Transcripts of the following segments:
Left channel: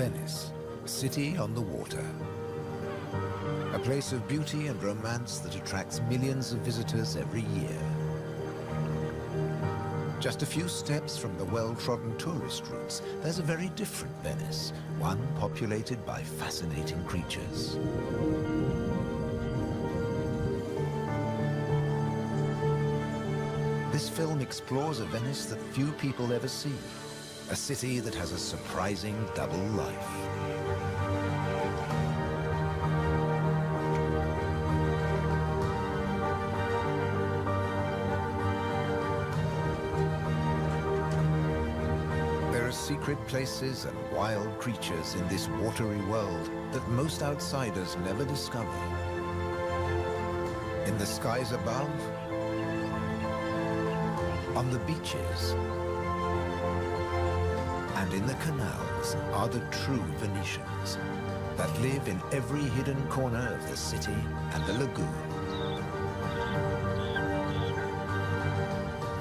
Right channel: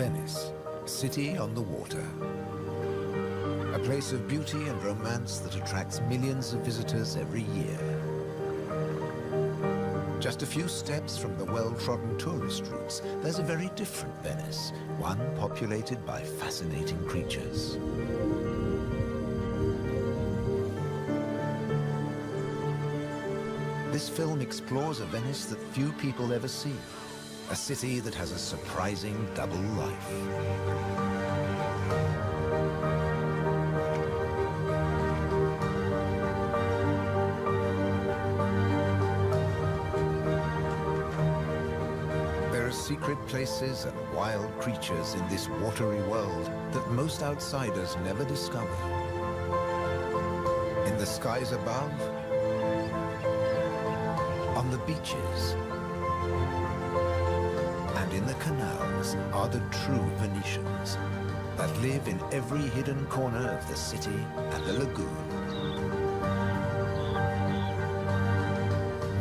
Venice, city on the water. A place of beauty and romance that attracts millions of visitors every year. Just a few steps from the well-trodden tourist routes, there's a very different Venice, one populated by fascinating creatures. This film explores a Venice that few people ever see, a city that has a surprising double life. There are secret places and wild creatures in this watery world that most outsiders never discover. In the skies above, on the beaches, and in the canals are the true Venetians that live in every hidden corner of the city and the lagoon.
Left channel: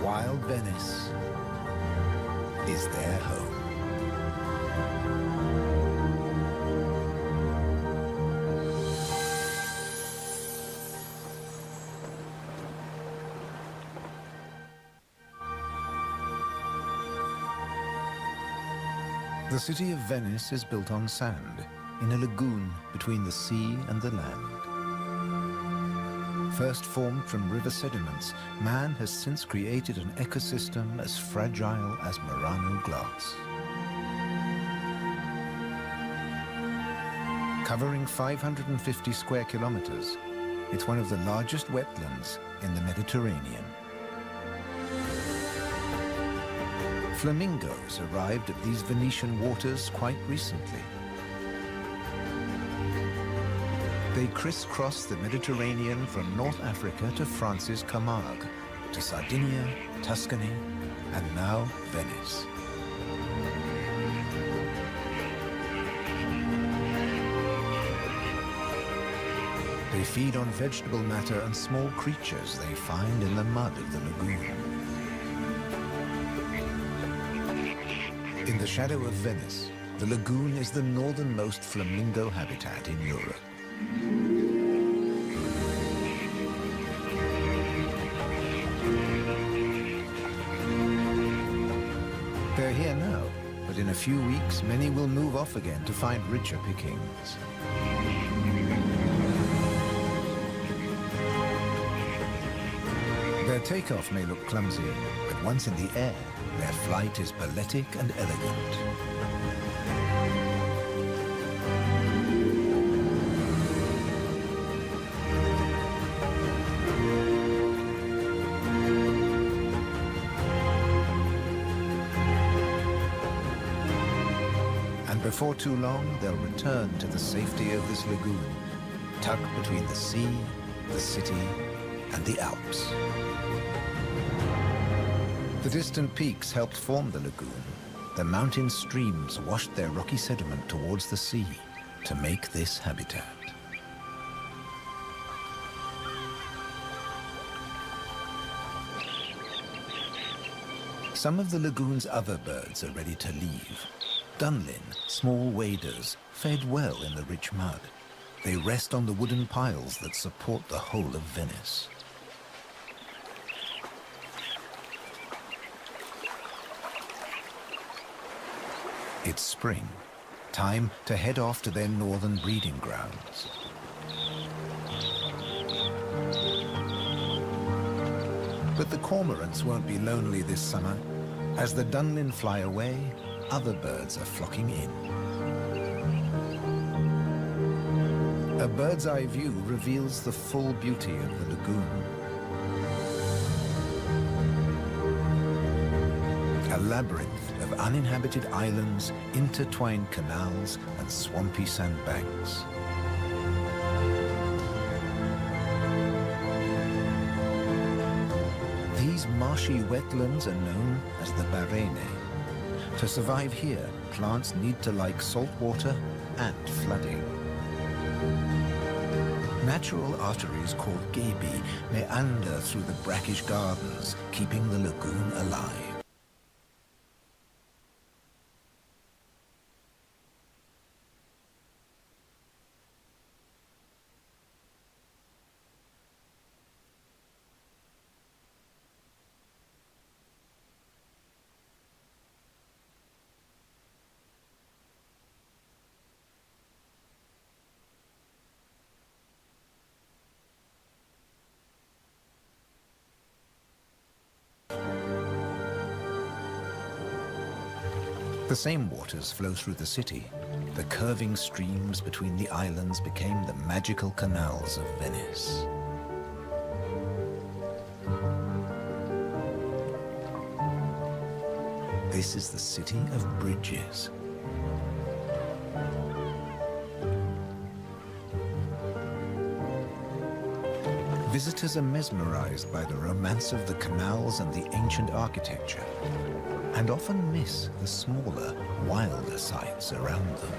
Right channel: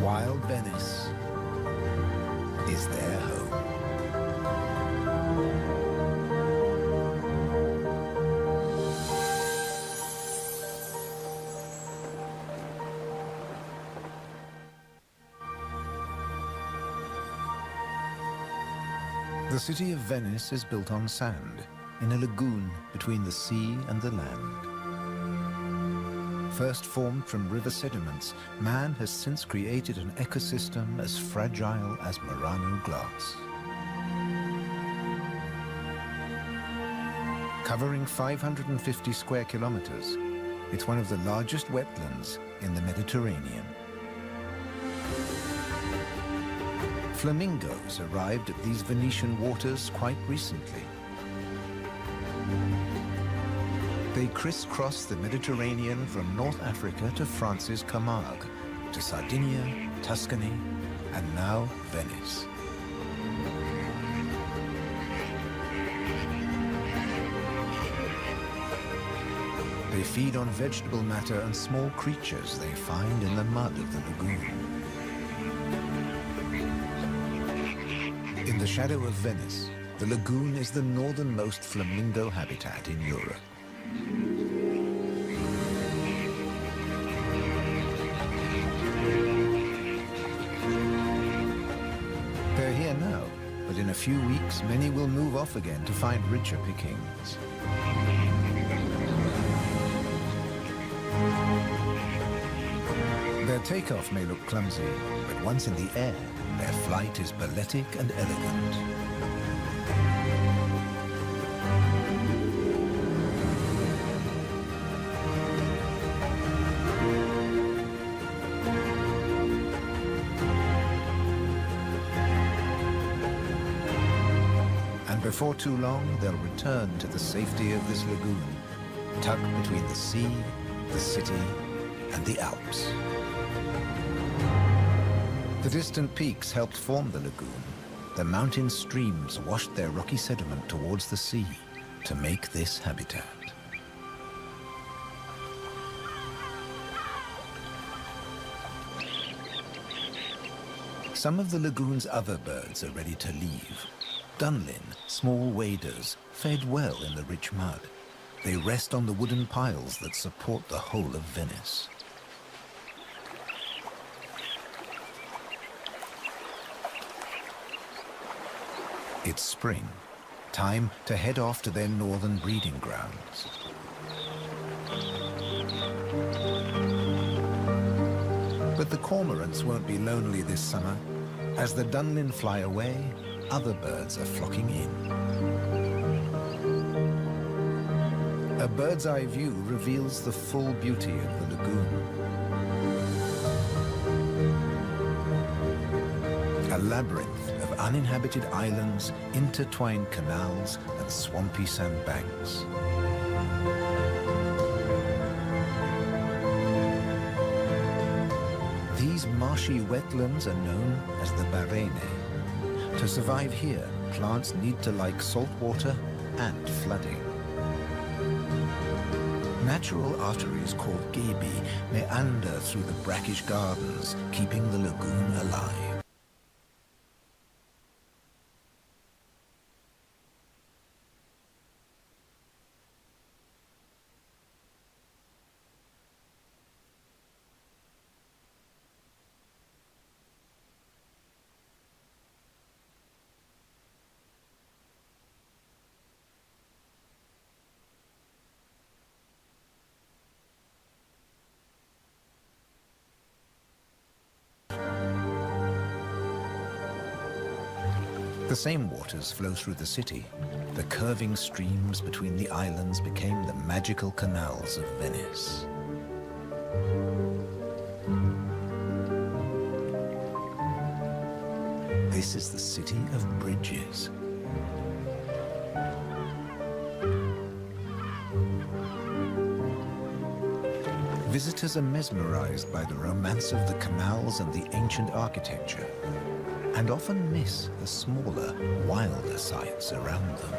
Wild Venice is their home. The city of Venice is built on sand, in a lagoon between the sea and the land. First formed from river sediments, man has since created an ecosystem as fragile as Murano glass. Covering 550 square kilometers, it's one of the largest wetlands in the Mediterranean. Flamingos arrived at these Venetian waters quite recently. They crisscross the Mediterranean from North Africa to France's Camargue, to Sardinia, Tuscany, and now Venice. They feed on vegetable matter and small creatures they find in the mud of the lagoon. In the shadow of Venice, the lagoon is the northernmost flamingo habitat in Europe. They're here now, but in a few weeks, many will move off again to find richer pickings. Their takeoff may look clumsy, but once in the air, their flight is balletic and elegant. And before too long, they'll return to the safety of this lagoon, tucked between the sea, the city, and the Alps. The distant peaks helped form the lagoon. The mountain streams washed their rocky sediment towards the sea to make this habitat. Some of the lagoon's other birds are ready to leave. Dunlin, small waders, fed well in the rich mud. They rest on the wooden piles that support the whole of Venice. It's spring, time to head off to their northern breeding grounds. But the cormorants won't be lonely this summer. As the Dunlin fly away, other birds are flocking in. A bird's eye view reveals the full beauty of the lagoon. A labyrinth of uninhabited islands, intertwined canals, and swampy sandbanks. These marshy wetlands are known as the Barene. To survive here, plants need to like salt water and flooding. Natural arteries called gabi meander through the brackish gardens, keeping the lagoon alive. The same waters flow through the city. The curving streams between the islands became the magical canals of Venice. This is the city of bridges. Visitors are mesmerized by the romance of the canals and the ancient architecture, and often miss the smaller, wilder sights around them.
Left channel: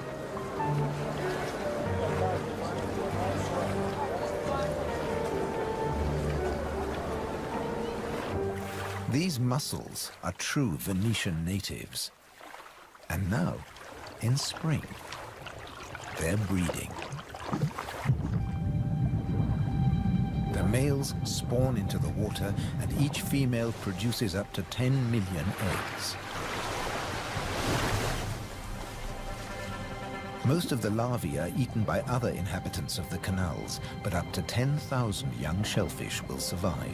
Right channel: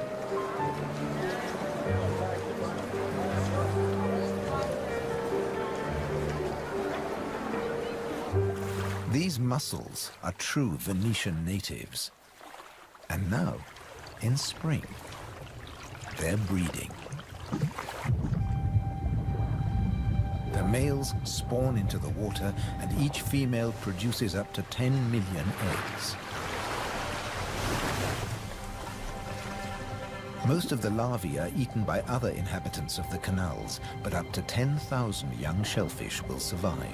These mussels are true Venetian natives. And now, in spring, they're breeding. The males spawn into the water, and each female produces up to 10 million eggs. Most of the larvae are eaten by other inhabitants of the canals, but up to 10,000 young shellfish will survive.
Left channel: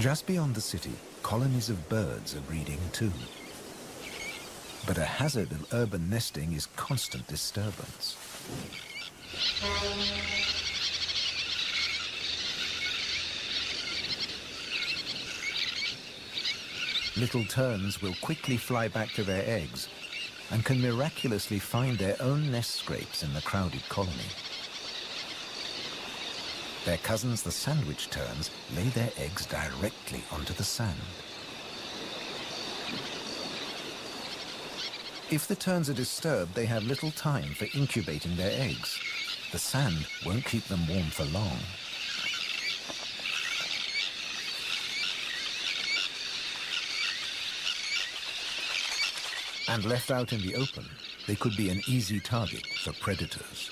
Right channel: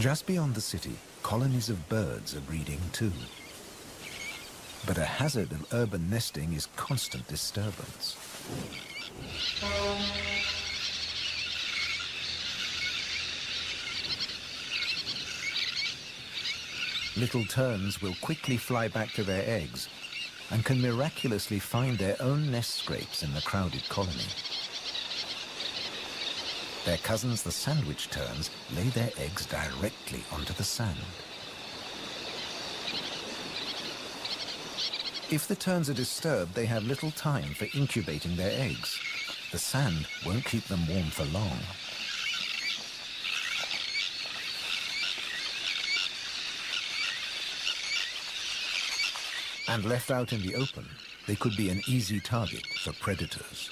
Just beyond the city, colonies of birds are breeding too. But a hazard of urban nesting is constant disturbance. Little terns will quickly fly back to their eggs and can miraculously find their own nest scrapes in the crowded colony. Their cousins, the sandwich terns, lay their eggs directly onto the sand. If the terns are disturbed, they have little time for incubating their eggs. The sand won't keep them warm for long. And left out in the open, they could be an easy target for predators.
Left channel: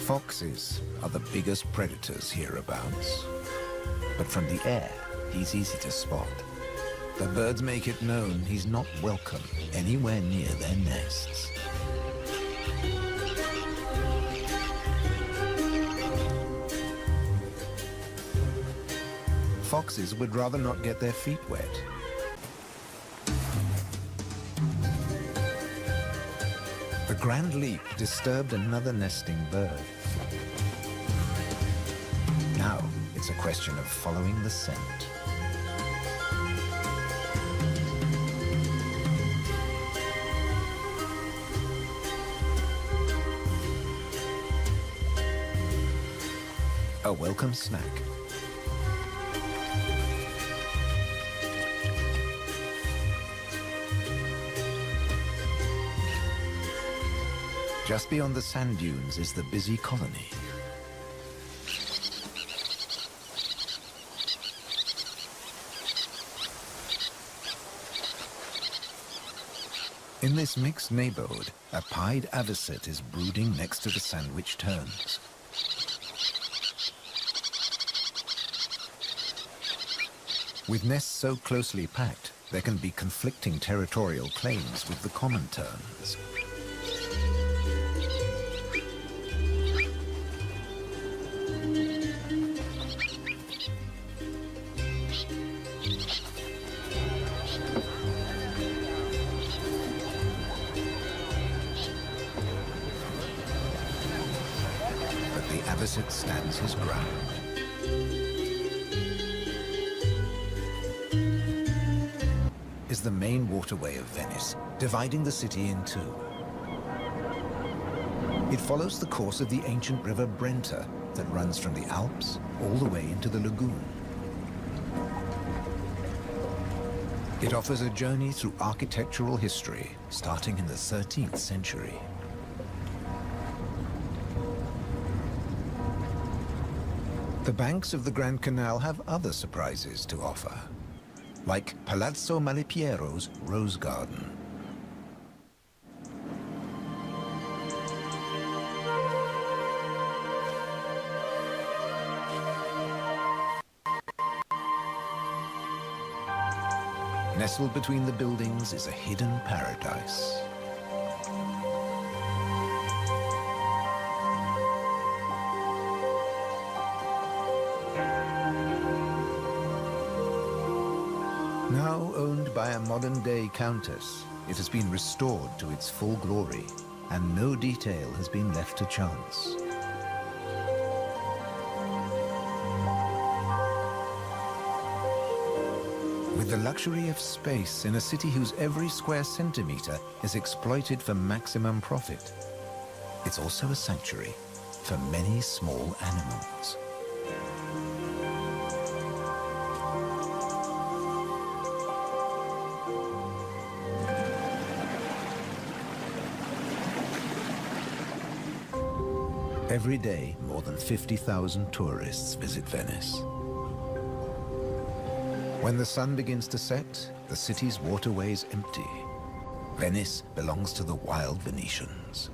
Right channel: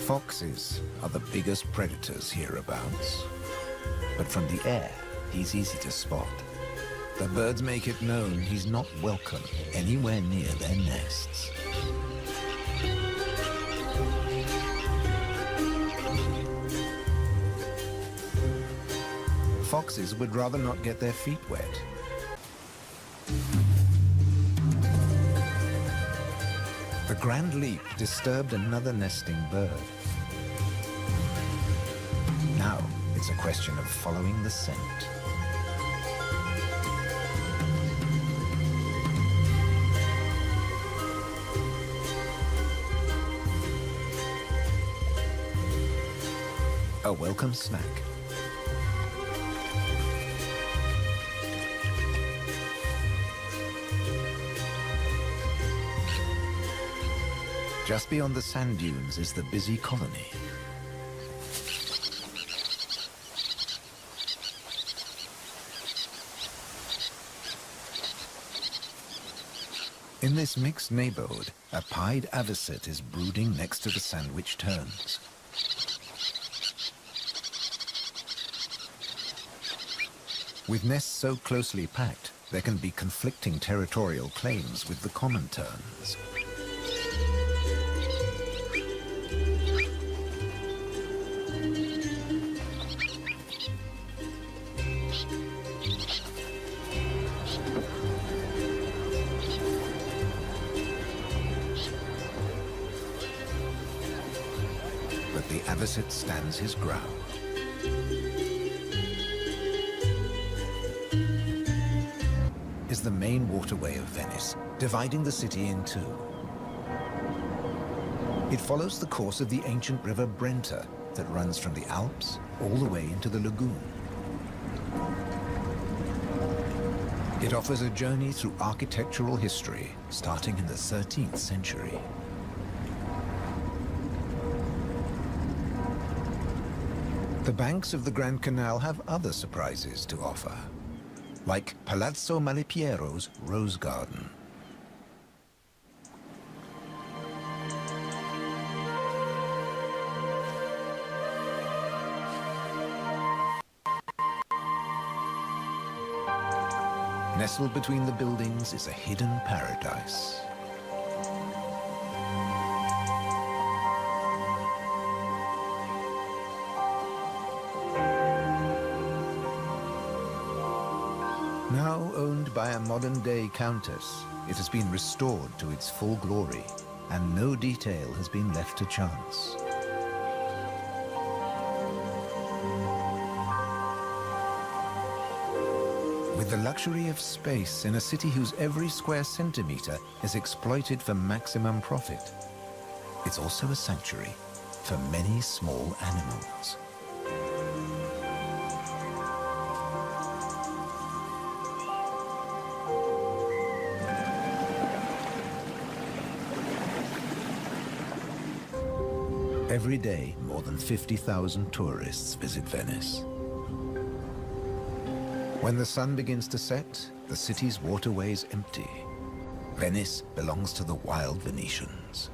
Foxes are the biggest predators hereabouts. But from the air, he's easy to spot. The birds make it known he's not welcome anywhere near their nests. Foxes would rather not get their feet wet. The grand leap disturbed another nesting bird. Now it's a question of following the scent. A welcome snack. Just beyond the sand dunes is the busy colony. In this mixed neighborhood, a pied avocet is brooding next to the sandwich terns. With nests so closely packed, there can be conflicting territorial claims with the common terns. But the avocet stands his ground. Is the main waterway of Venice, dividing the city in two. It follows the course of the ancient river Brenta that runs from the Alps all the way into the lagoon. It offers a journey through architectural history, starting in the 13th century. The banks of the Grand Canal have other surprises to offer, like Palazzo Malipiero's Rose Garden. Nestled between the buildings is a hidden paradise. Now owned by a modern-day countess, it has been restored to its full glory, and no detail has been left to chance. With the luxury of space in a city whose every square centimeter is exploited for maximum profit, it's also a sanctuary for many small animals. Every day, more than 50,000 tourists visit Venice. When the sun begins to set, the city's waterways empty. Venice belongs to the wild Venetians.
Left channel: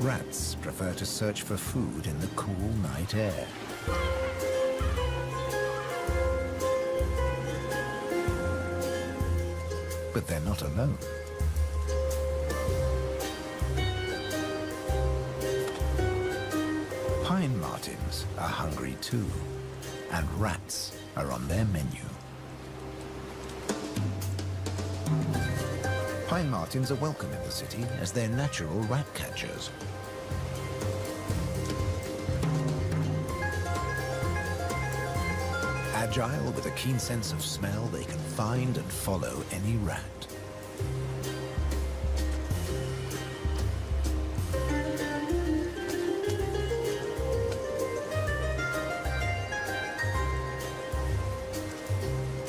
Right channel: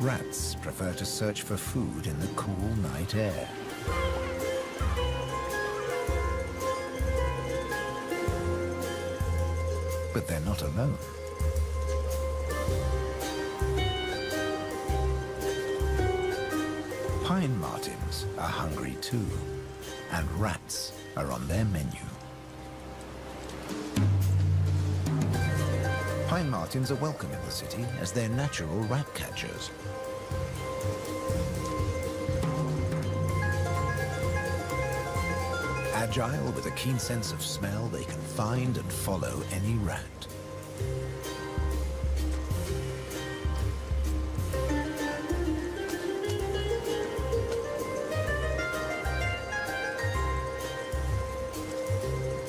Rats prefer to search for food in the cool night air. But they're not alone. Pine martins are hungry too, and rats are on their menu. Pine martins are welcome in the city as they're natural rat catchers. Agile with a keen sense of smell, they can find and follow any rat.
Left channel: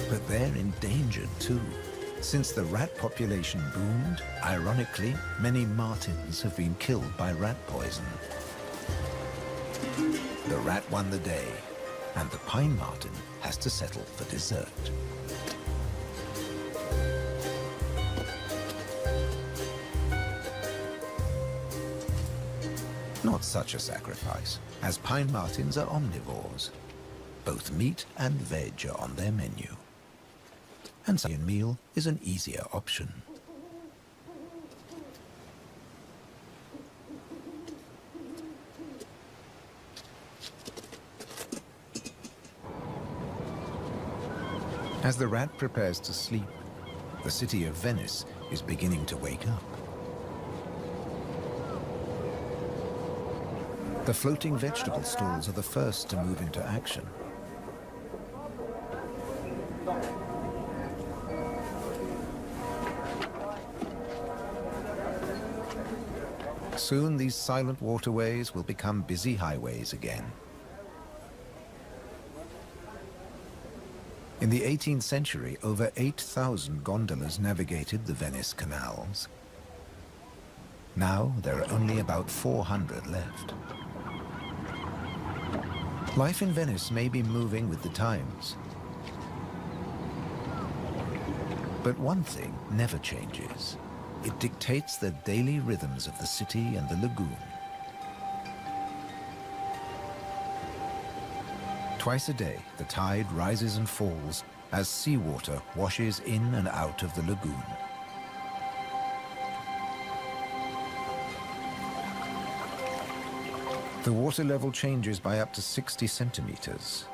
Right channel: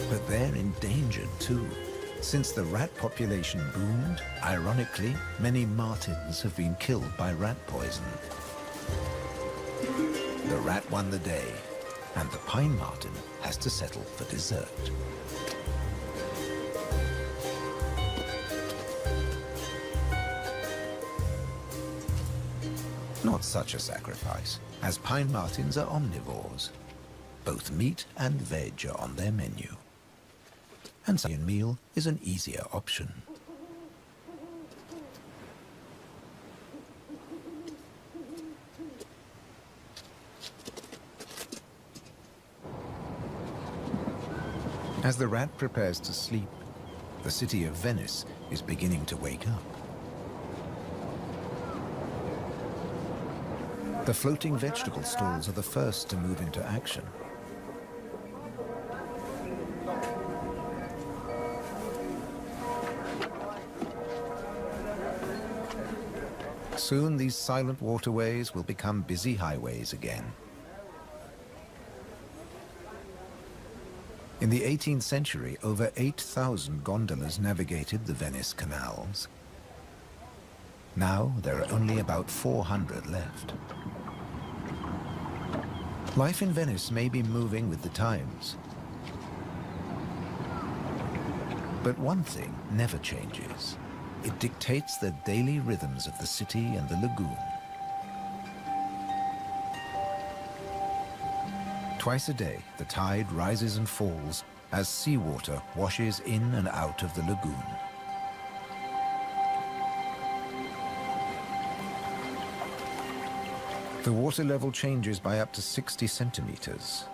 But they're endangered too. Since the rat population boomed, ironically, many martins have been killed by rat poison. The rat won the day, and the pine marten has to settle for dessert. Not such a sacrifice, as pine martens are omnivores. Both meat and veg are on their menu. And such a meal is an easier option. As the rat prepares to sleep, the city of Venice is beginning to wake up. The floating vegetable stalls are the first to move into action. Soon these silent waterways will become busy highways again. In the 18th century, over 8,000 gondolas navigated the Venice canals. Now there are only about 400 left. Life in Venice may be moving with the times. But one thing never changes. It dictates the daily rhythms of the city and the lagoon. Twice a day, the tide rises and falls as seawater washes in and out of the lagoon. The water level changes by up to 60 centimeters.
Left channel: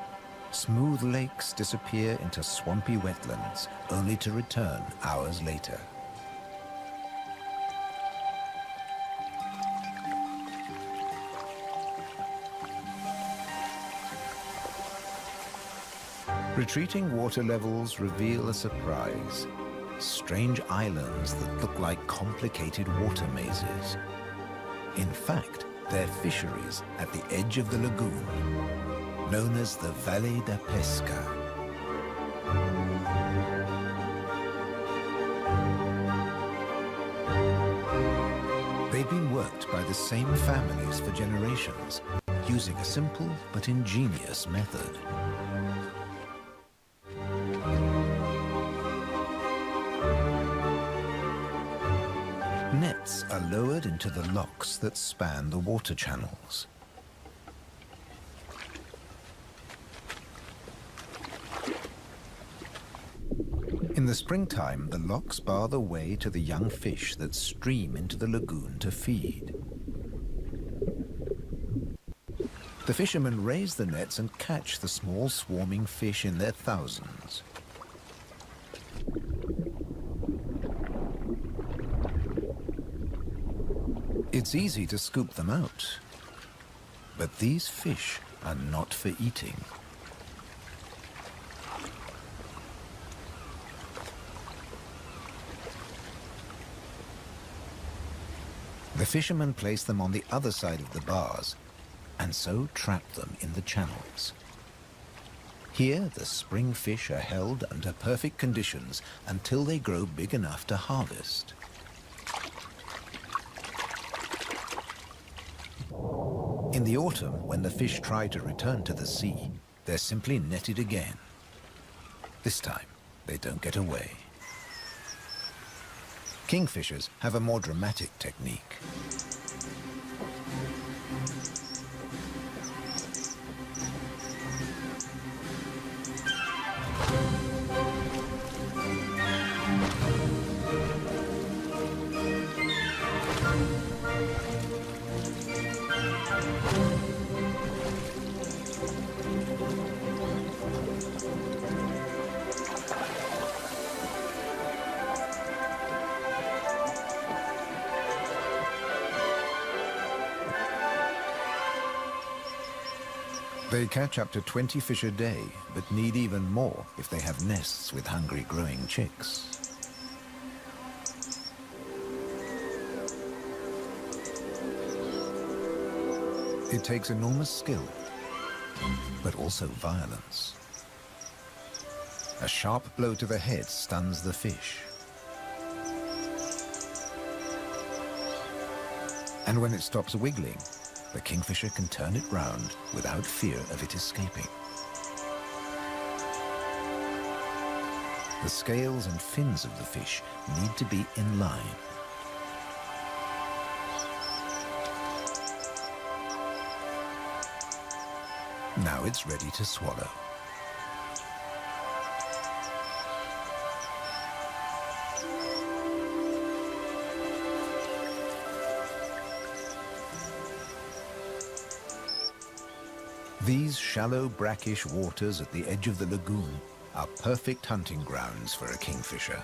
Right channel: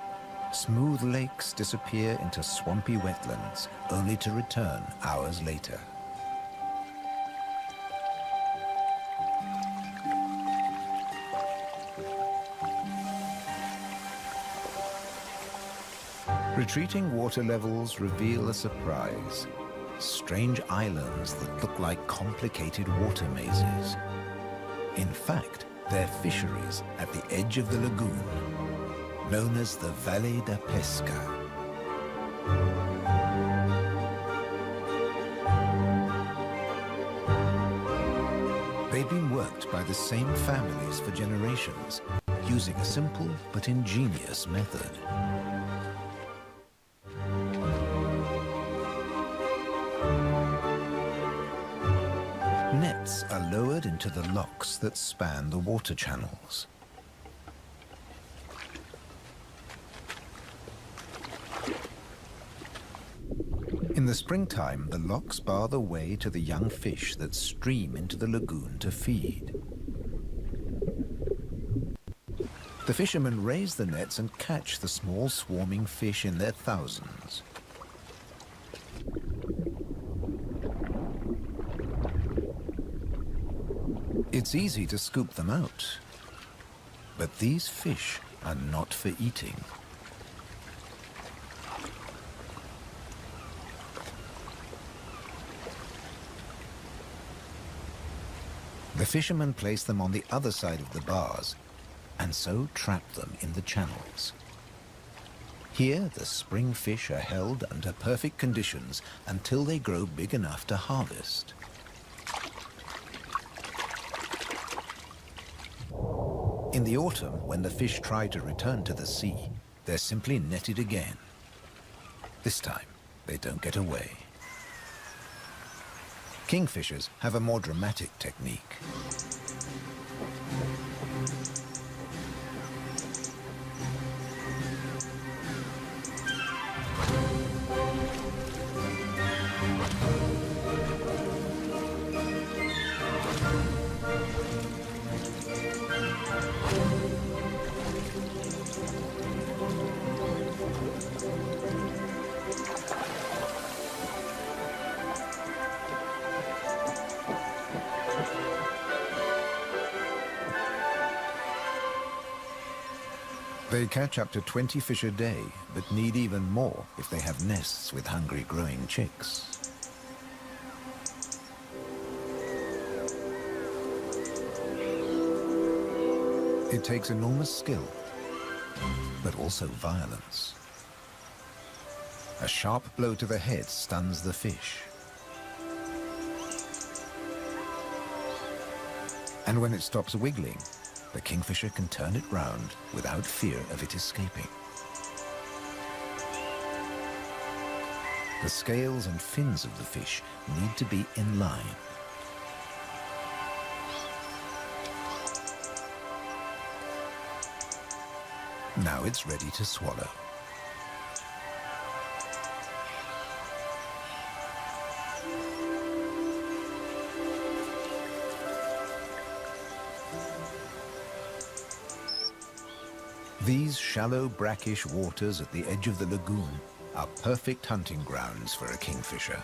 Smooth lakes disappear into swampy wetlands, only to return hours later. Retreating water levels reveal a surprise. Strange islands that look like complicated water mazes. In fact, they're fisheries at the edge of the lagoon, known as the Valle da Pesca. They've been worked by the same families for generations, using a simple but ingenious method. nets are lowered into the locks that span the water channels. In the springtime, the locks bar the way to the young fish that stream into the lagoon to feed. The fishermen raise the nets and catch the small swarming fish in their thousands. It's easy to scoop them out, but these fish are not for eating. The fishermen place them on the other side of the bars and so trap them in the channels. Here, the spring fish are held under perfect conditions until they grow big enough to harvest. In the autumn, when the fish try to return to the sea, they're simply netted again. This time, they don't get away. Kingfishers have a more dramatic technique. They catch up to 20 fish a day, but need even more if they have nests with hungry growing chicks. It takes enormous skill, but also violence. A sharp blow to the head stuns the fish. And when it stops wiggling, the kingfisher can turn it round without fear of it escaping. The scales and fins of the fish need to be in line. Now it's ready to swallow. These shallow, brackish waters at the edge of the lagoon are perfect hunting grounds for a kingfisher.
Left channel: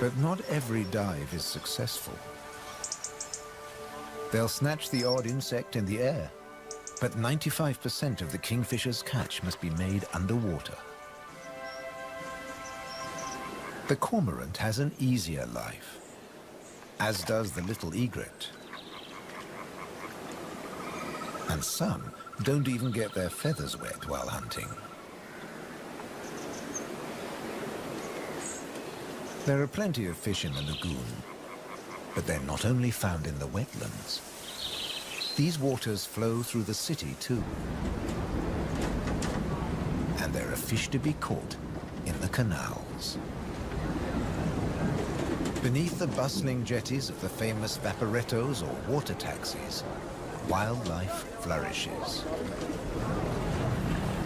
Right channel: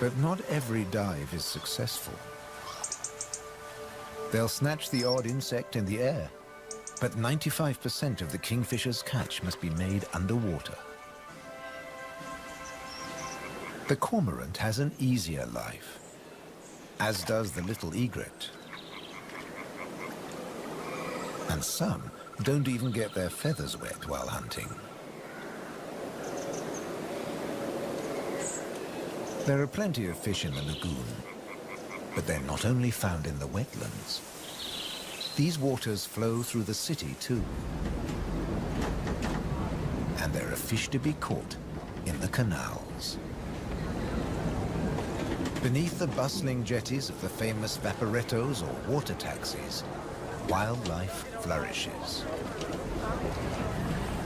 But not every dive is successful. They'll snatch the odd insect in the air, but 95% of the kingfisher's catch must be made underwater. The cormorant has an easier life, as does the little egret. And some don't even get their feathers wet while hunting. There are plenty of fish in the lagoon, but they're not only found in the wetlands. These waters flow through the city too. And there are fish to be caught in the canals. Beneath the bustling jetties of the famous vaporettos or water taxis, wildlife flourishes.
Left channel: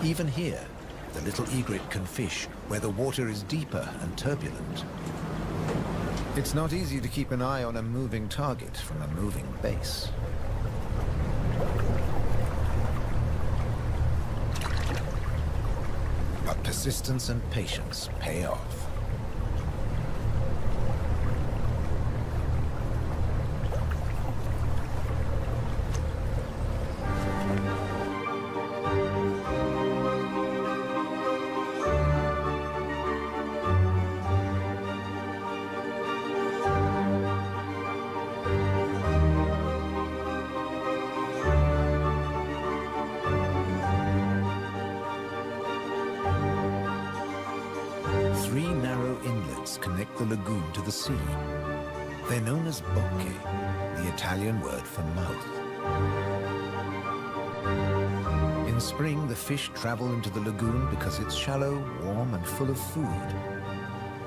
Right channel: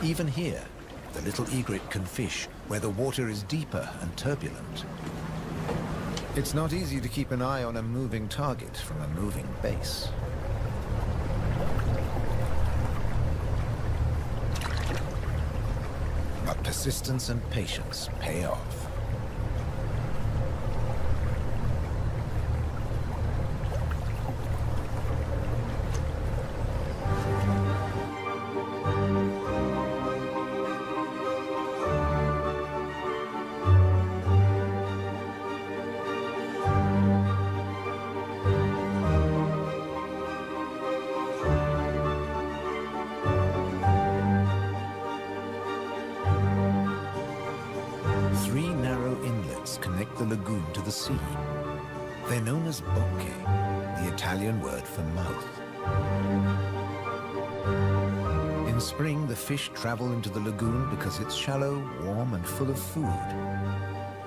Even here, the little egret can fish where the water is deeper and turbulent. It's not easy to keep an eye on a moving target from a moving base. But persistence and patience pay off. Three narrow inlets connect the lagoon to the sea. They're known as bocche, the Italian word for mouth. In spring, the fish travel into the lagoon because it's shallow, warm, and full of food.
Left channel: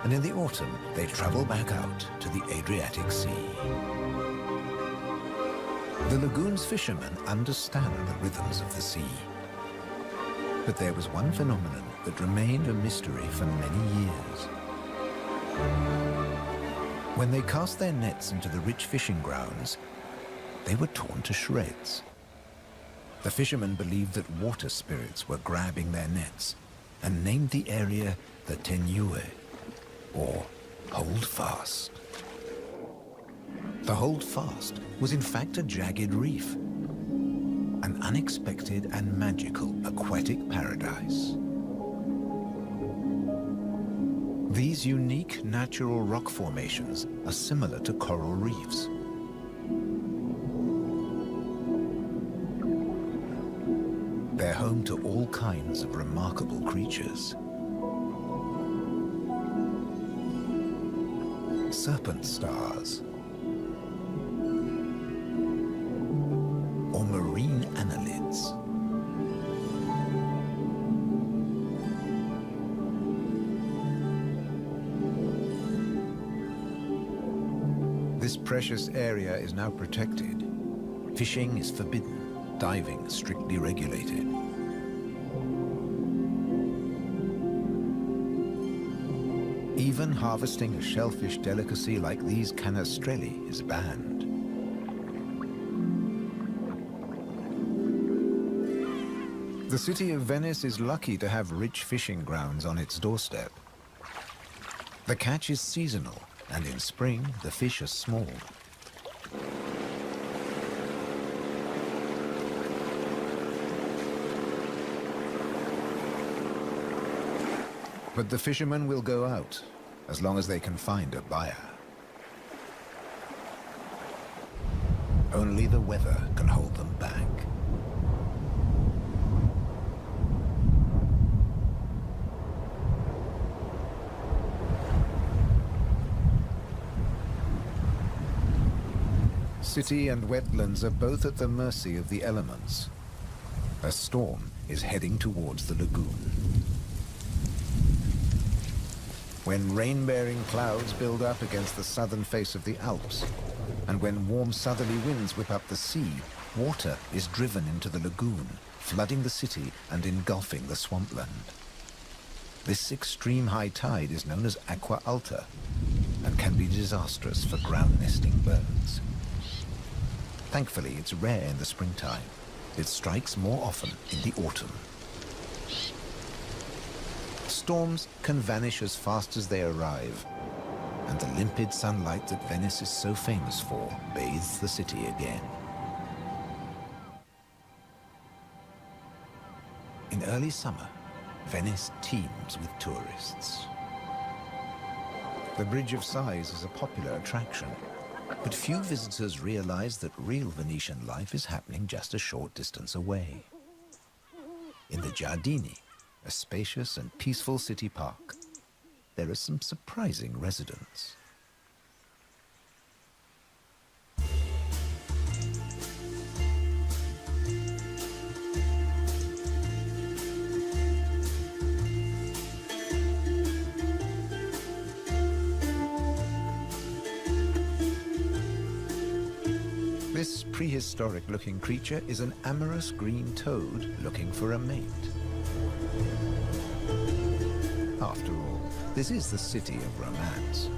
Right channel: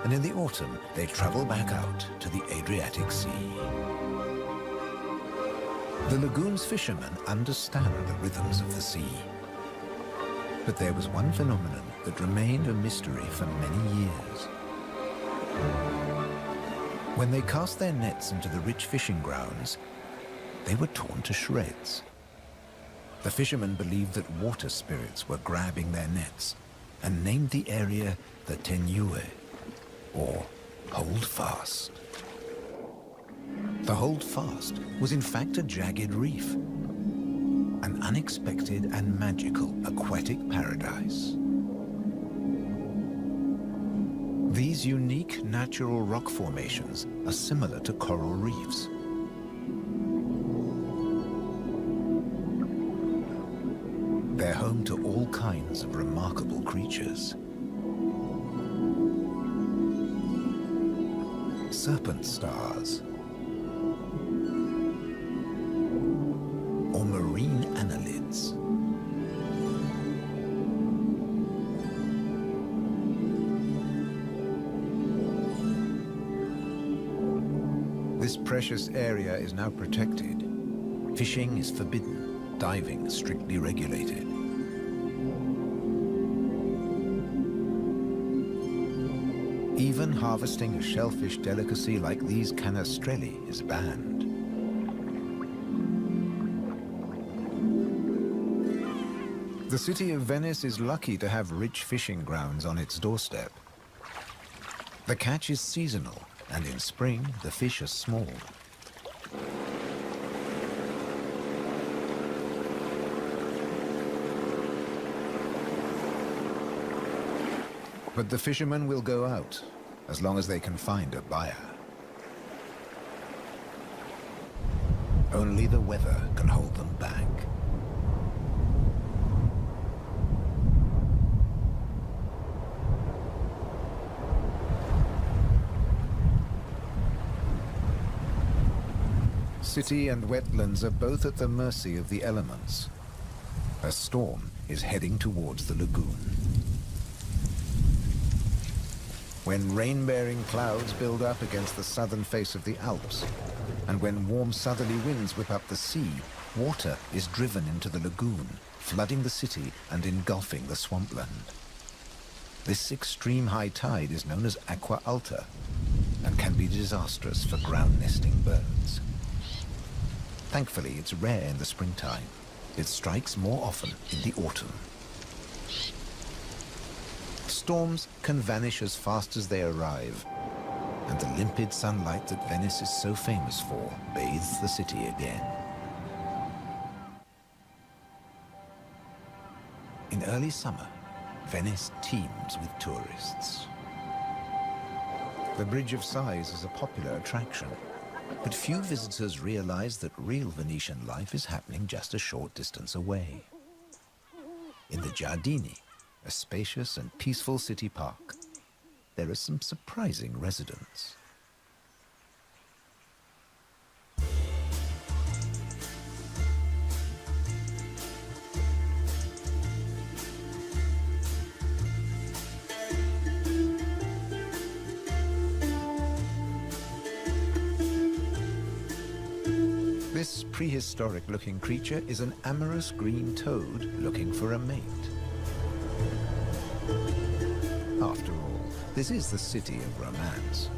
And in the autumn, they travel back out to the Adriatic Sea. The lagoon's fishermen understand the rhythms of the sea. But there was one phenomenon that remained a mystery for many years. When they cast their nets into the rich fishing grounds, they were torn to shreds. The fishermen believed that water spirits were grabbing their nets and named the area the Tenue, or Hold Fast. The Hold Fast was in fact a jagged reef, an unexpected and magical aquatic paradise. These unique natural rock formations are similar to coral reefs. They're home to all kinds of remarkable creatures. Serpent stars, or marine annelids. This precious area is now protected. Fishing is forbidden, diving strictly regulated. Even harvesting a shellfish delicacy like these canastrelli is banned. The city of Venice is lucky to have rich fishing grounds on its doorstep. The catch is seasonal, and in spring the fish are small. But the fishermen will go out, as long as they can find a buyer. Only the weather can hold them back. City and wetlands are both at the mercy of the elements. A storm is heading towards the lagoon. When rain-bearing clouds build up against the southern face of the Alps, and when warm southerly winds whip up the sea, water is driven into the lagoon, flooding the city and engulfing the swampland. This extreme high tide is known as aqua alta, and can be disastrous for ground-nesting birds. Thankfully, it's rare in the springtime. It strikes more often in the autumn. Storms can vanish as fast as they arrive, and the limpid sunlight that Venice is so famous for bathes the city again. In early summer, Venice teems with tourists. The Bridge of Sighs is a popular attraction, but few visitors realize that real Venetian life is happening just a short distance away. In the Giardini, a spacious and peaceful city park, there are some surprising residents. This prehistoric-looking creature is an amorous green toad looking for a mate. After all, this is the city of romance.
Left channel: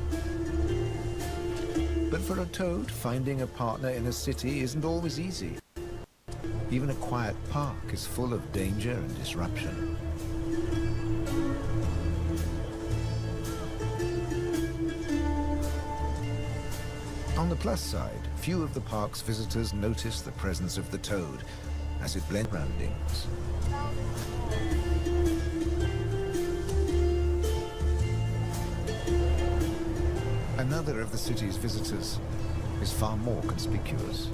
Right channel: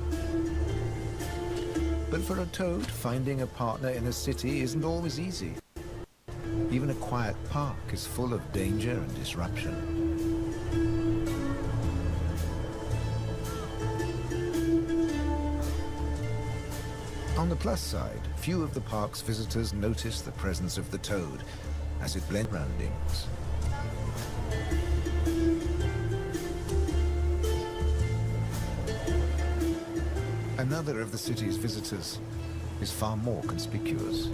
But for a toad, finding a partner in a city isn't always easy. Even a quiet park is full of danger and disruption. On the plus side, few of the park's visitors notice the presence of the toad as it blends surroundings. Another of the city's visitors is far more conspicuous.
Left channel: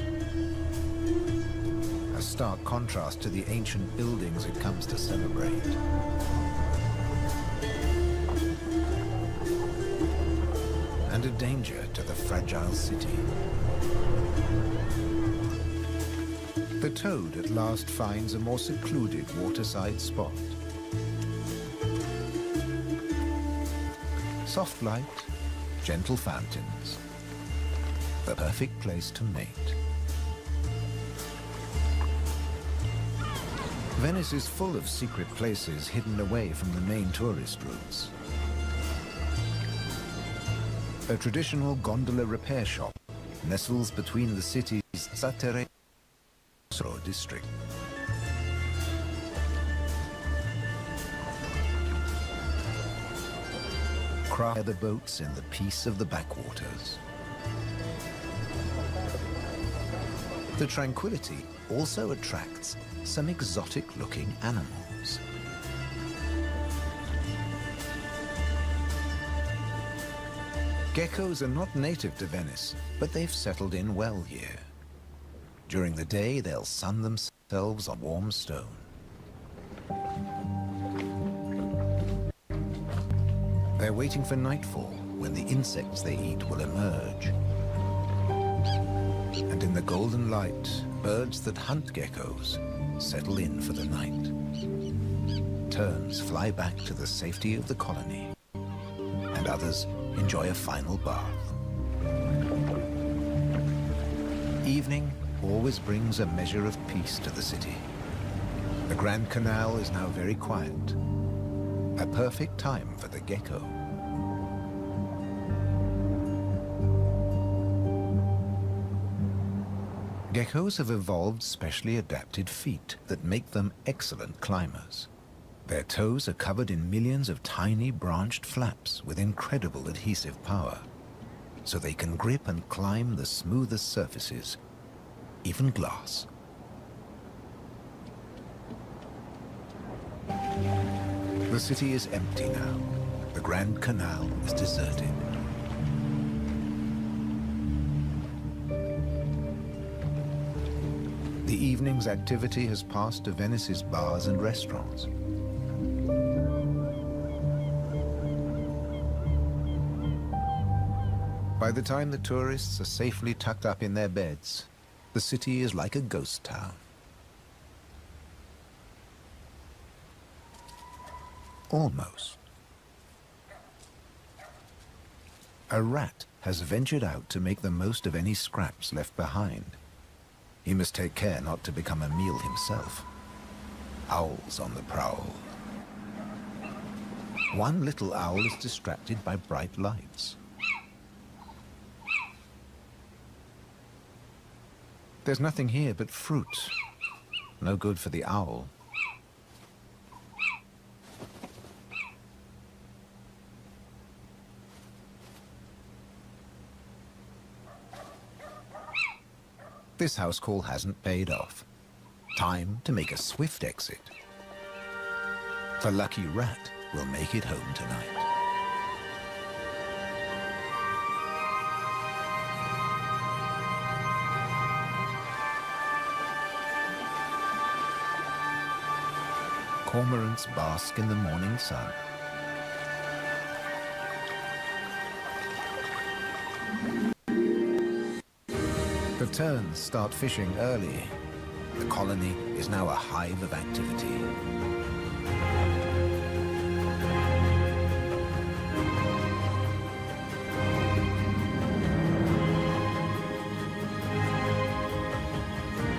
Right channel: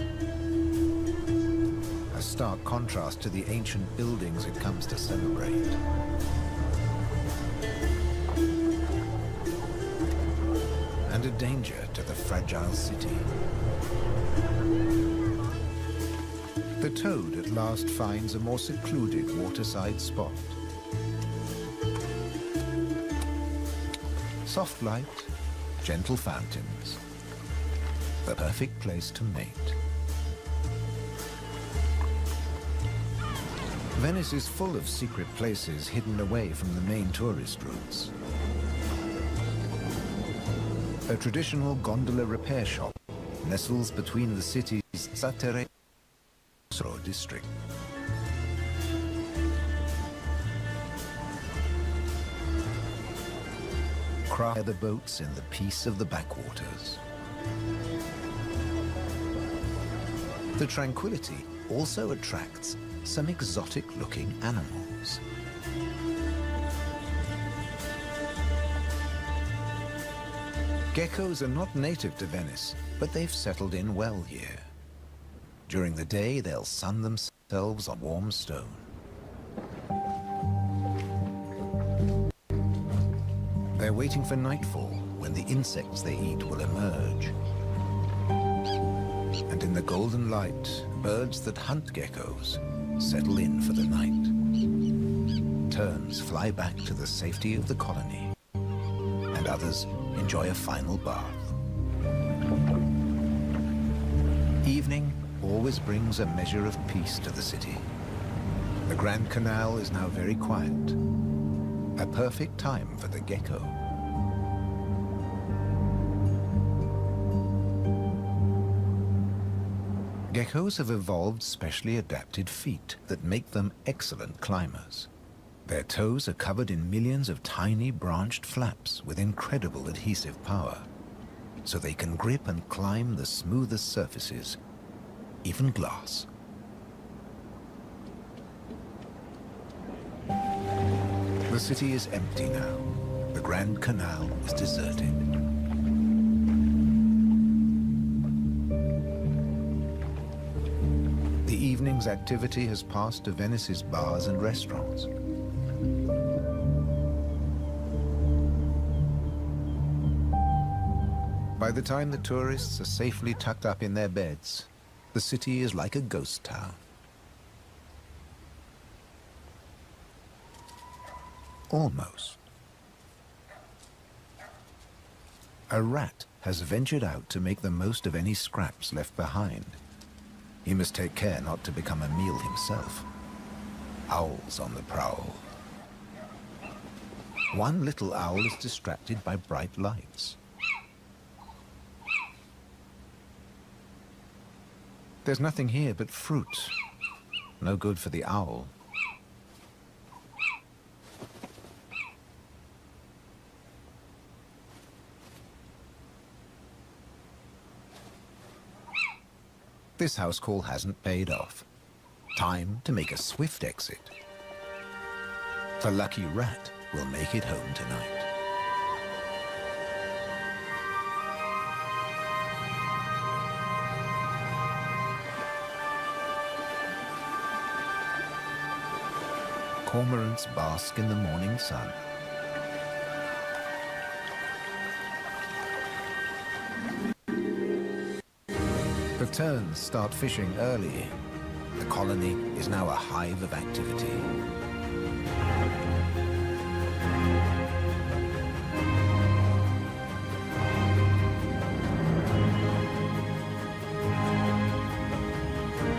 A stark contrast to the ancient buildings it comes to celebrate. And a danger to the fragile city. The toad at last finds a more secluded waterside spot. Soft light, gentle fountains, the perfect place to mate. Venice is full of secret places hidden away from the main tourist routes. A traditional gondola repair shop nestles between the city's Zattere district. Cry the boats in the peace of the backwaters. The tranquility also attracts some exotic-looking animals. Geckos are not native to Venice, but they've settled in well here. During the day, they'll sun themselves on warm stone. They're waiting for nightfall, when the insects they eat will emerge. And in the golden light, birds that hunt geckos settle in for the night. Terns fly back to the safety of the colony, and others enjoy a final bath. Evening always brings a measure of peace to the city. The Grand Canal is now very quiet, a perfect time for the gecko. Geckos have evolved specially adapted feet that make them excellent climbers. Their toes are covered in millions of tiny branched flaps with incredible adhesive power, so they can grip and climb the smoothest surfaces, even glass. The city is empty now. The Grand Canal is deserted. The evening's activity has passed to Venice's bars and restaurants. By the time the tourists are safely tucked up in their beds, the city is like a ghost town. Almost. A rat has ventured out to make the most of any scraps left behind. He must take care not to become a meal himself. Owls on the prowl. One little owl is distracted by bright lights. There's nothing here but fruit. No good for the owl. This house call hasn't paid off. Time to make a swift exit. The lucky rat will make it home tonight. Cormorants bask in the morning sun. The terns start fishing early. The colony is now a hive of activity.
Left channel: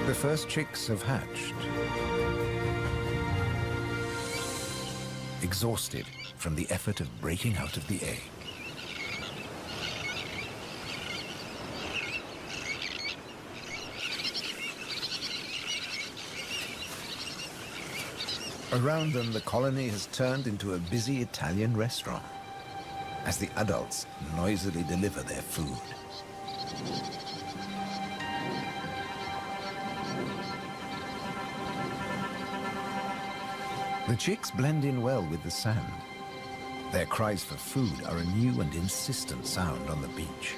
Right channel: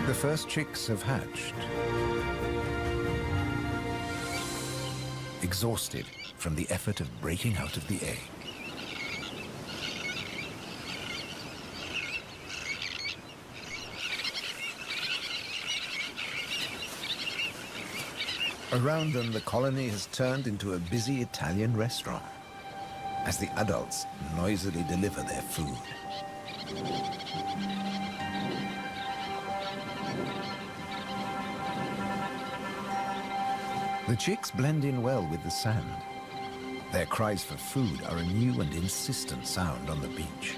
The first chicks have hatched. Exhausted from the effort of breaking out of the egg. Around them, the colony has turned into a busy Italian restaurant as the adults noisily deliver their food. The chicks blend in well with the sand. Their cries for food are a new and insistent sound on the beach.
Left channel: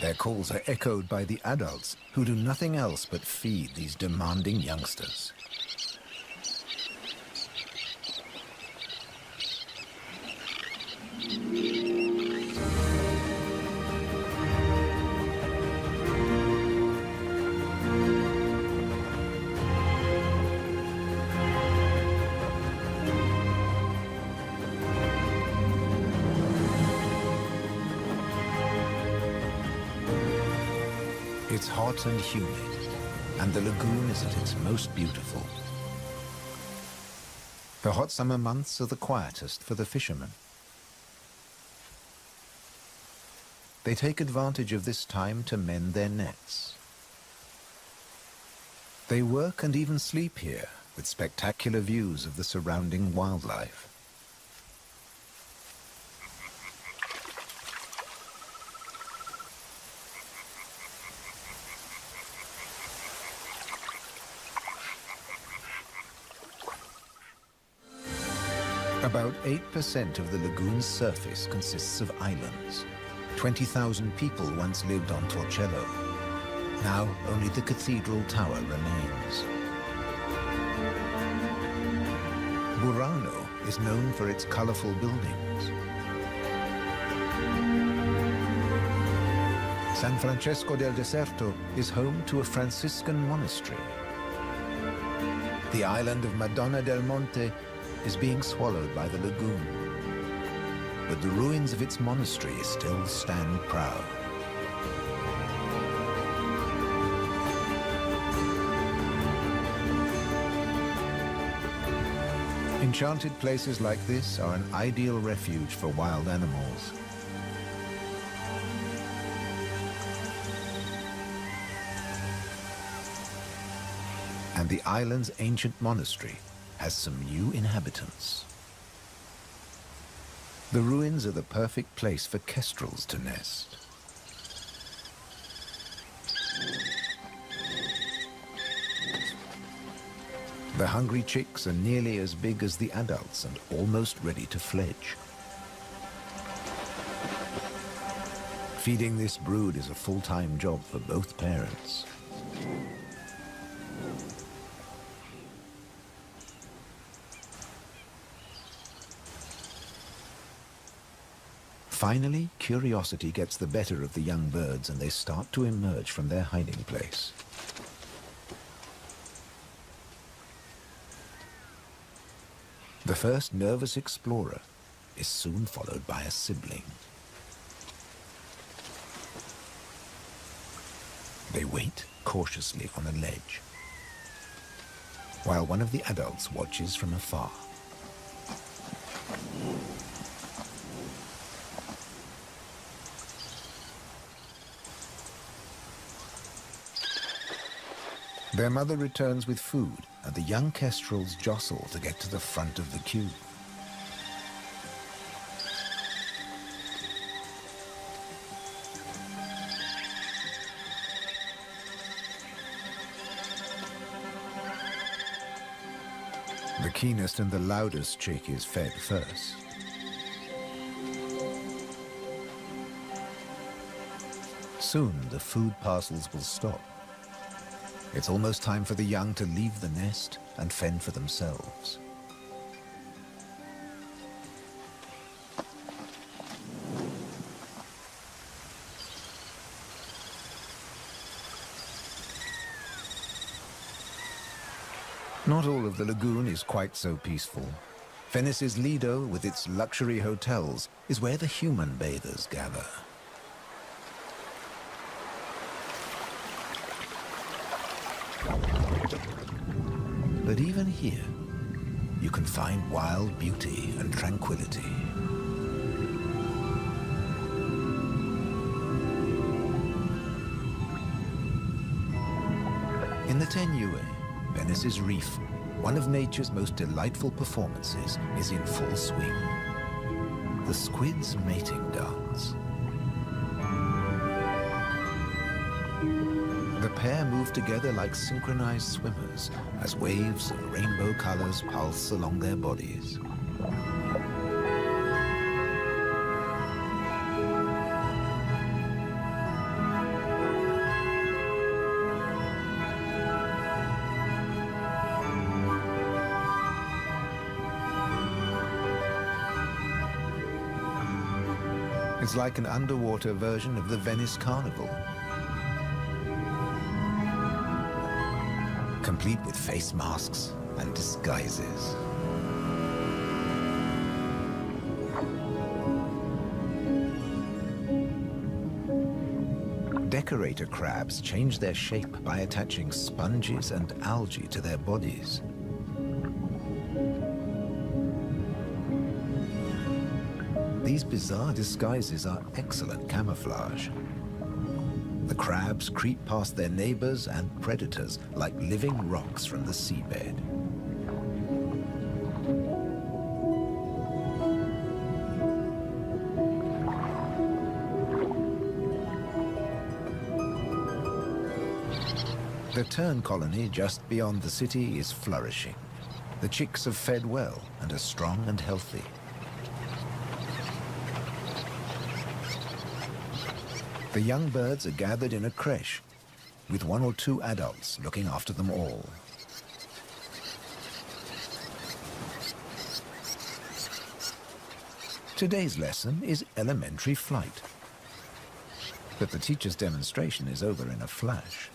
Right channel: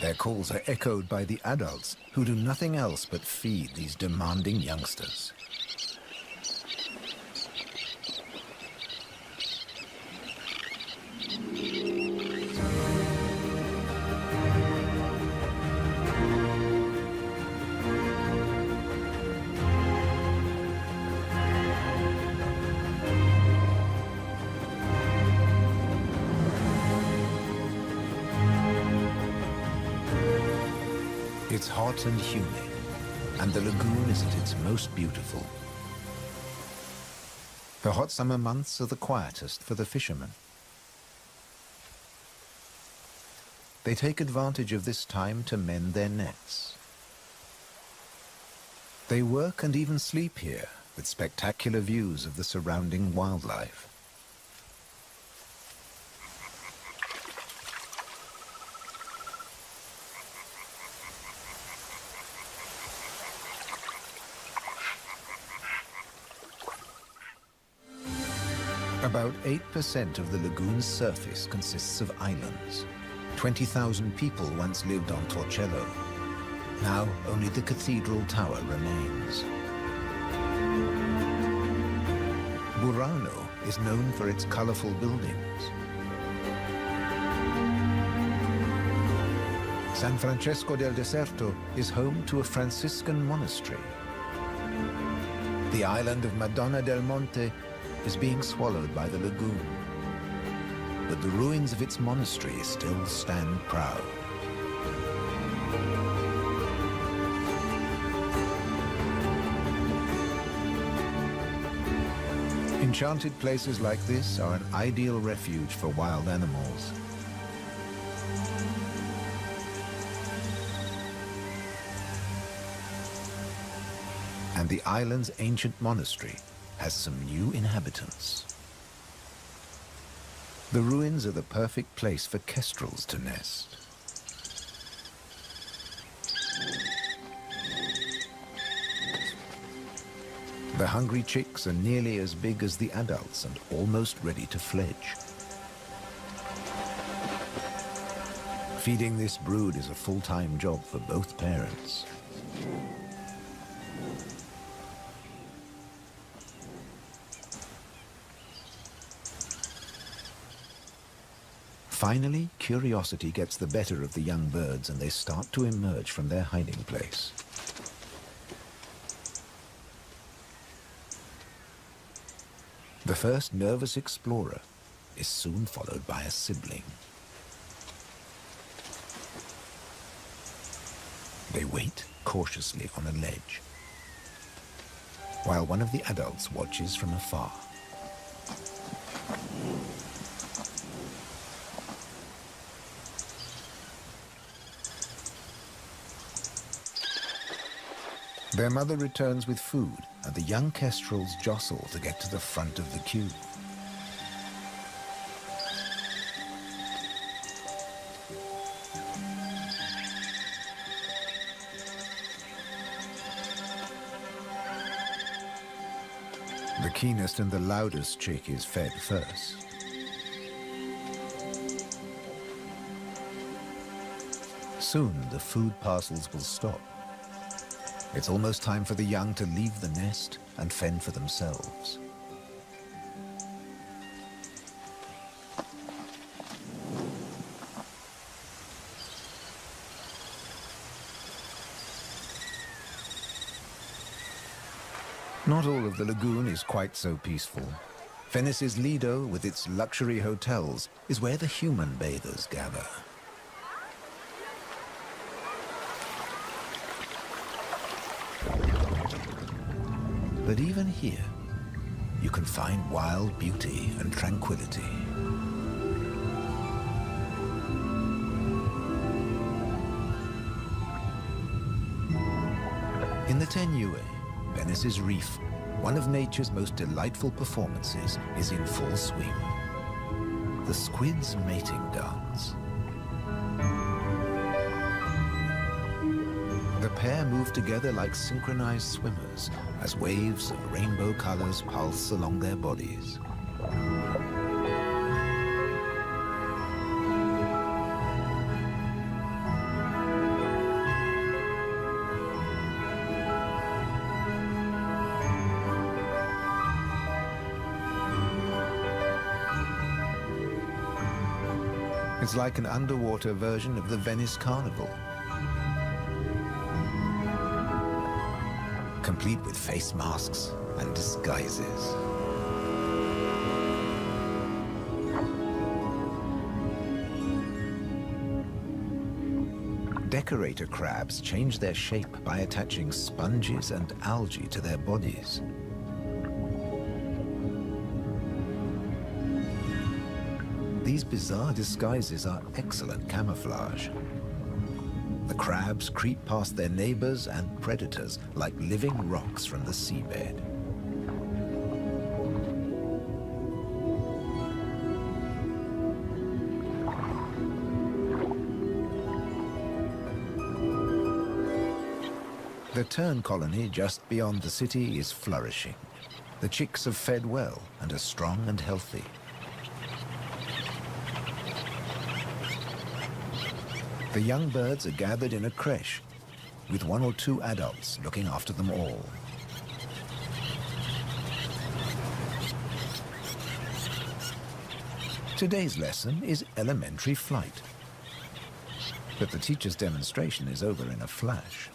Their calls are echoed by the adults, who do nothing else but feed these demanding youngsters. It's hot and humid, and the lagoon is at its most beautiful. The hot summer months are the quietest for the fishermen. They take advantage of this time to mend their nets. They work and even sleep here, with spectacular views of the surrounding wildlife. About 8% of the lagoon's surface consists of islands. 20,000 people once lived on Torcello. Now only the cathedral tower remains. Burano is known for its colorful buildings. San Francesco del Deserto is home to a Franciscan monastery. The island of Madonna del Monte is being swallowed by the lagoon, but the ruins of its monastery still stand proud. Enchanted places like this are an ideal refuge for wild animals. And the island's ancient monastery has some new inhabitants. The ruins are the perfect place for kestrels to nest. The hungry chicks are nearly as big as the adults and almost ready to fledge. Feeding this brood is a full-time job for both parents. Finally, curiosity gets the better of the young birds and they start to emerge from their hiding place. The first nervous explorer is soon followed by a sibling. They wait cautiously on a ledge, while one of the adults watches from afar. Their mother returns with food, and the young kestrels jostle to get to the front of the queue. The keenest and the loudest chick is fed first. Soon the food parcels will stop. It's almost time for the young to leave the nest and fend for themselves. Not all of the lagoon is quite so peaceful. Venice's Lido, with its luxury hotels, is where the human bathers gather. But even here, you can find wild beauty and tranquility. In the Tenue, Venice's reef, one of nature's most delightful performances is in full swing. The squid's mating dance. The pair move together like synchronized swimmers as waves of rainbow colors pulse along their bodies. It's like an underwater version of the Venice Carnival, complete with face masks and disguises. Decorator crabs change their shape by attaching sponges and algae to their bodies. These bizarre disguises are excellent camouflage. The crabs creep past their neighbors and predators like living rocks from the seabed. The tern colony just beyond the city is flourishing. The chicks have fed well and are strong and healthy. The young birds are gathered in a creche, with 1 or 2 adults looking after them all. Today's lesson is elementary flight. But the teacher's demonstration is over in a flash.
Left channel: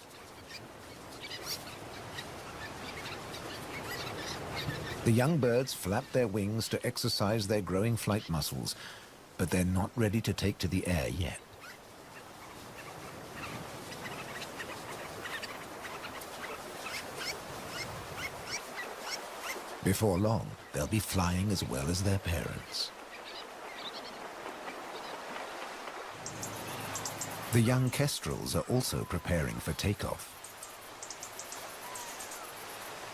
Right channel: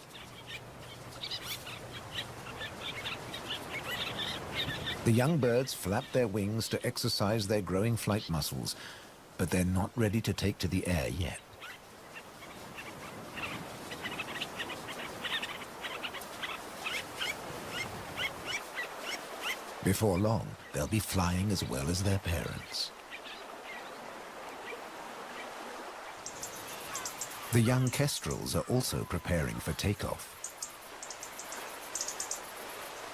The young birds flap their wings to exercise their growing flight muscles, but they're not ready to take to the air yet. Before long, they'll be flying as well as their parents. The young kestrels are also preparing for takeoff.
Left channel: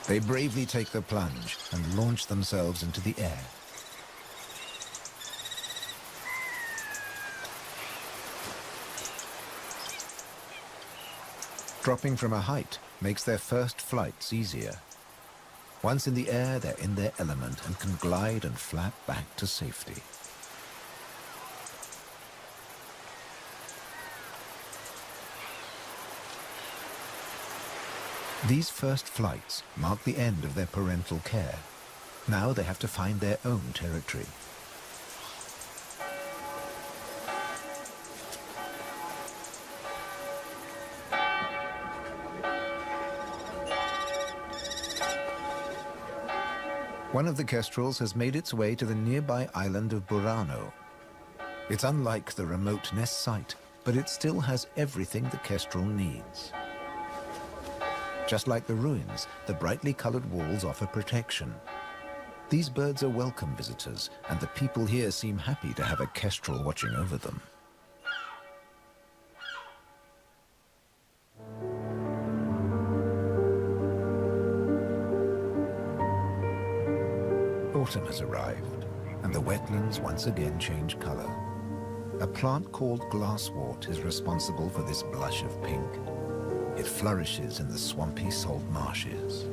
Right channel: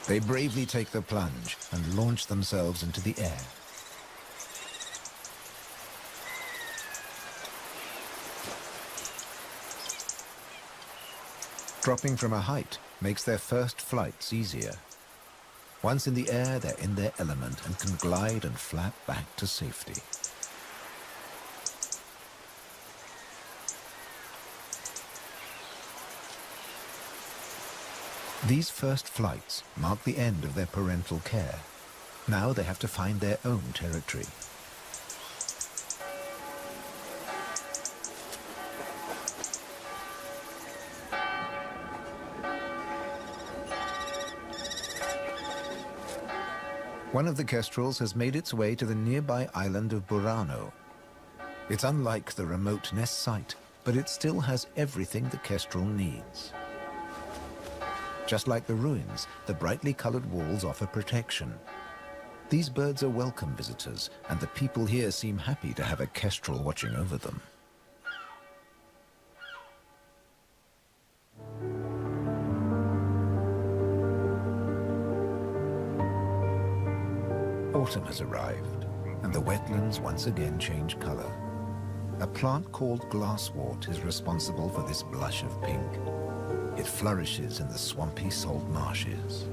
They bravely take the plunge and launch themselves into the air. Dropping from a height makes their first flights easier. Once in the air, they're in their element and can glide and flap back to safety. These first flights mark the end of their parental care. Now they have to find their own territory. One of the kestrels has made its way to the nearby island of Burano. It's unlike the remote nest site, but it still has everything the kestrel needs. Just like the ruins, the brightly colored walls offer protection. These birds are welcome visitors, and the people here seem happy to have a kestrel watching over them. Autumn has arrived, and the wetlands once again change color. A plant called glasswort is responsible for this blush of pink. It flourishes in the swampy salt marshes.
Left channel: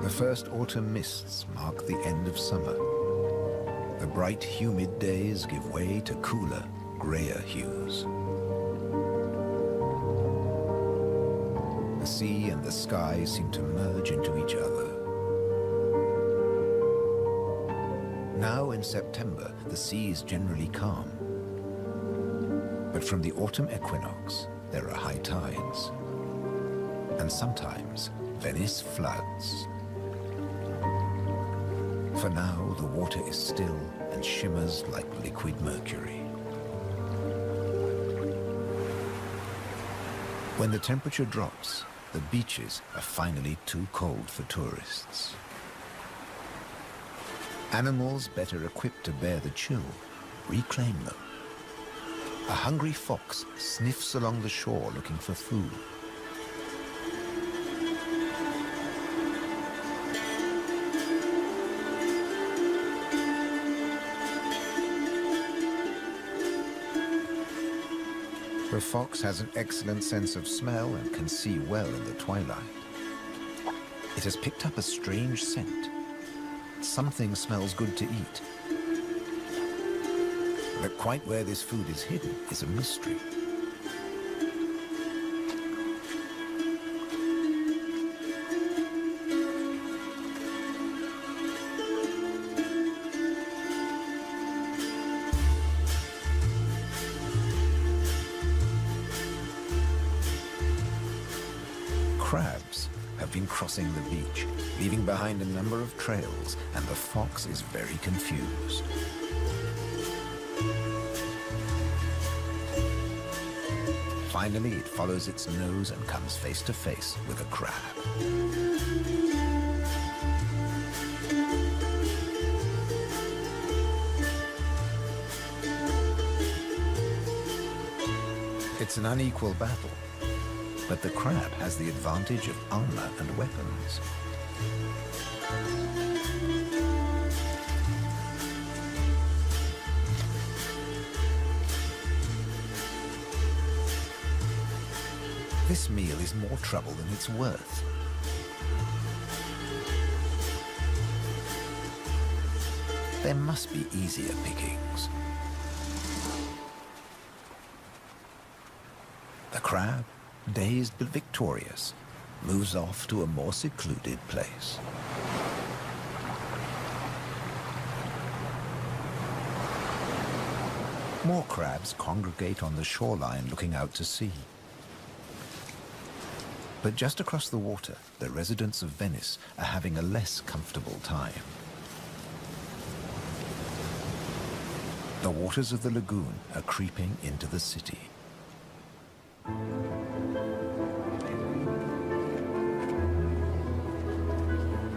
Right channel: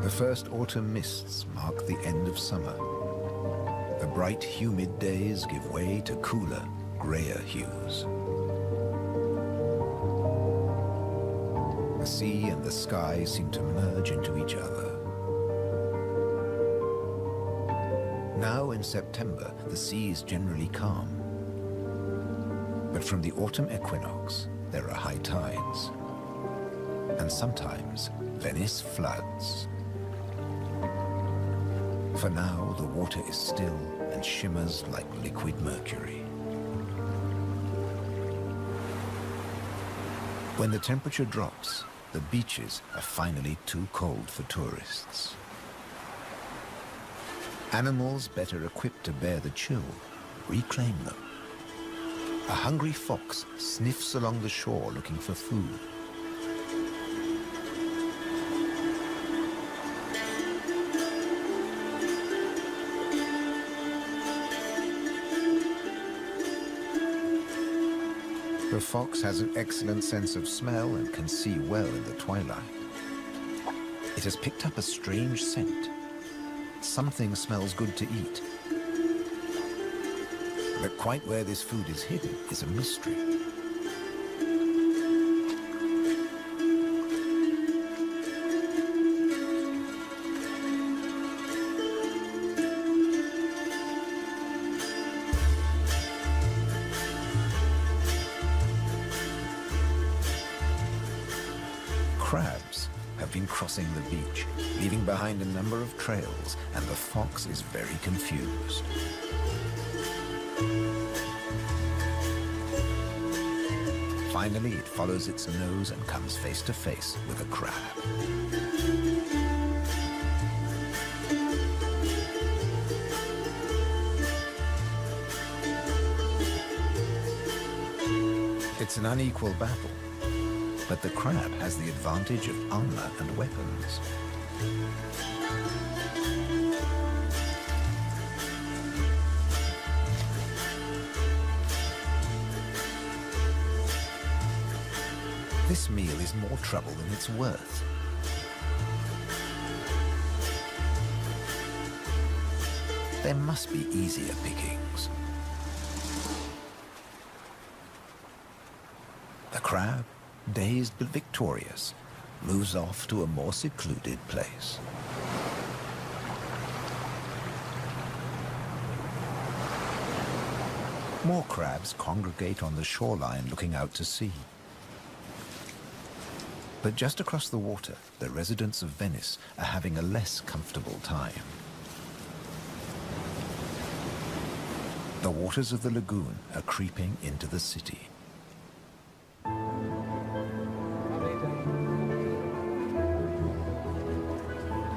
The first autumn mists mark the end of summer. The bright, humid days give way to cooler, grayer hues. The sea and the sky seem to merge into each other. Now in September, the sea is generally calm. But from the autumn equinox, there are high tides. And sometimes, Venice floods. For now, the water is still and shimmers like liquid mercury. When the temperature drops, the beaches are finally too cold for tourists. Animals better equipped to bear the chill reclaim them. A hungry fox sniffs along the shore looking for food. The fox has an excellent sense of smell and can see well in the twilight. It has picked up a strange scent. Something smells good to eat. But quite where this food is hidden is a mystery. Crabs have been crossing the beach, leaving behind a number of trails, and the fox is very confused. Finally, it follows its nose and comes face to face with a crab. It's an unequal battle, but the crab has the advantage of armor and weapons. This meal is more trouble than it's worth. There must be easier pickings. The crab, dazed but victorious, moves off to a more secluded place. More crabs congregate on the shoreline looking out to sea. But just across the water, the residents of Venice are having a less comfortable time. The waters of the lagoon are creeping into the city.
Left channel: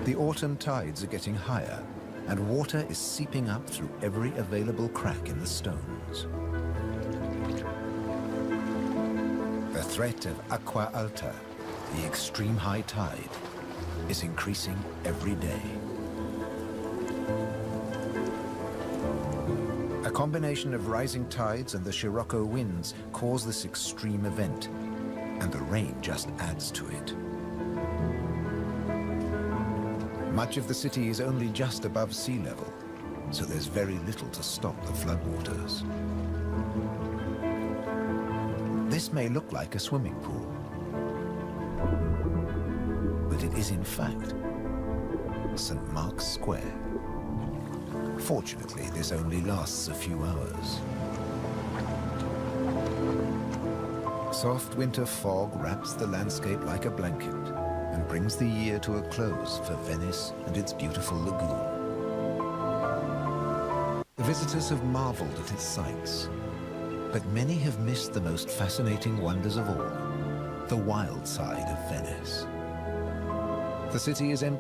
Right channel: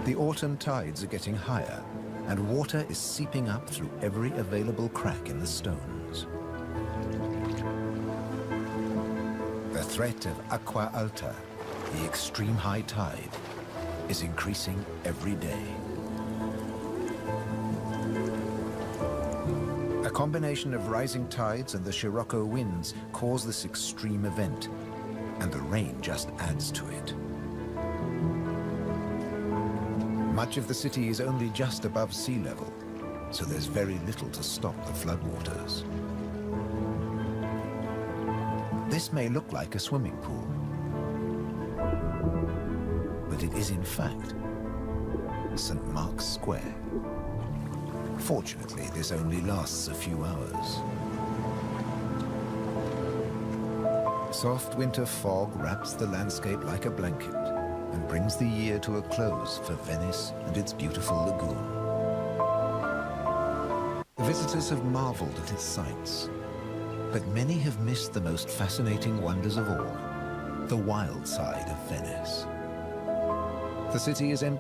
The autumn tides are getting higher, and water is seeping up through every available crack in the stones. The threat of acqua alta, the extreme high tide, is increasing every day. A combination of rising tides and the Scirocco winds cause this extreme event, and the rain just adds to it. Much of the city is only just above sea level, so there's very little to stop the floodwaters. This may look like a swimming pool, but it is in fact St. Mark's Square. Fortunately, this only lasts a few hours. Soft winter fog wraps the landscape like a blanket and brings the year to a close for Venice and its beautiful lagoon. The visitors have marveled at its sights, but many have missed the most fascinating wonders of all, the wild side of Venice. The city is empty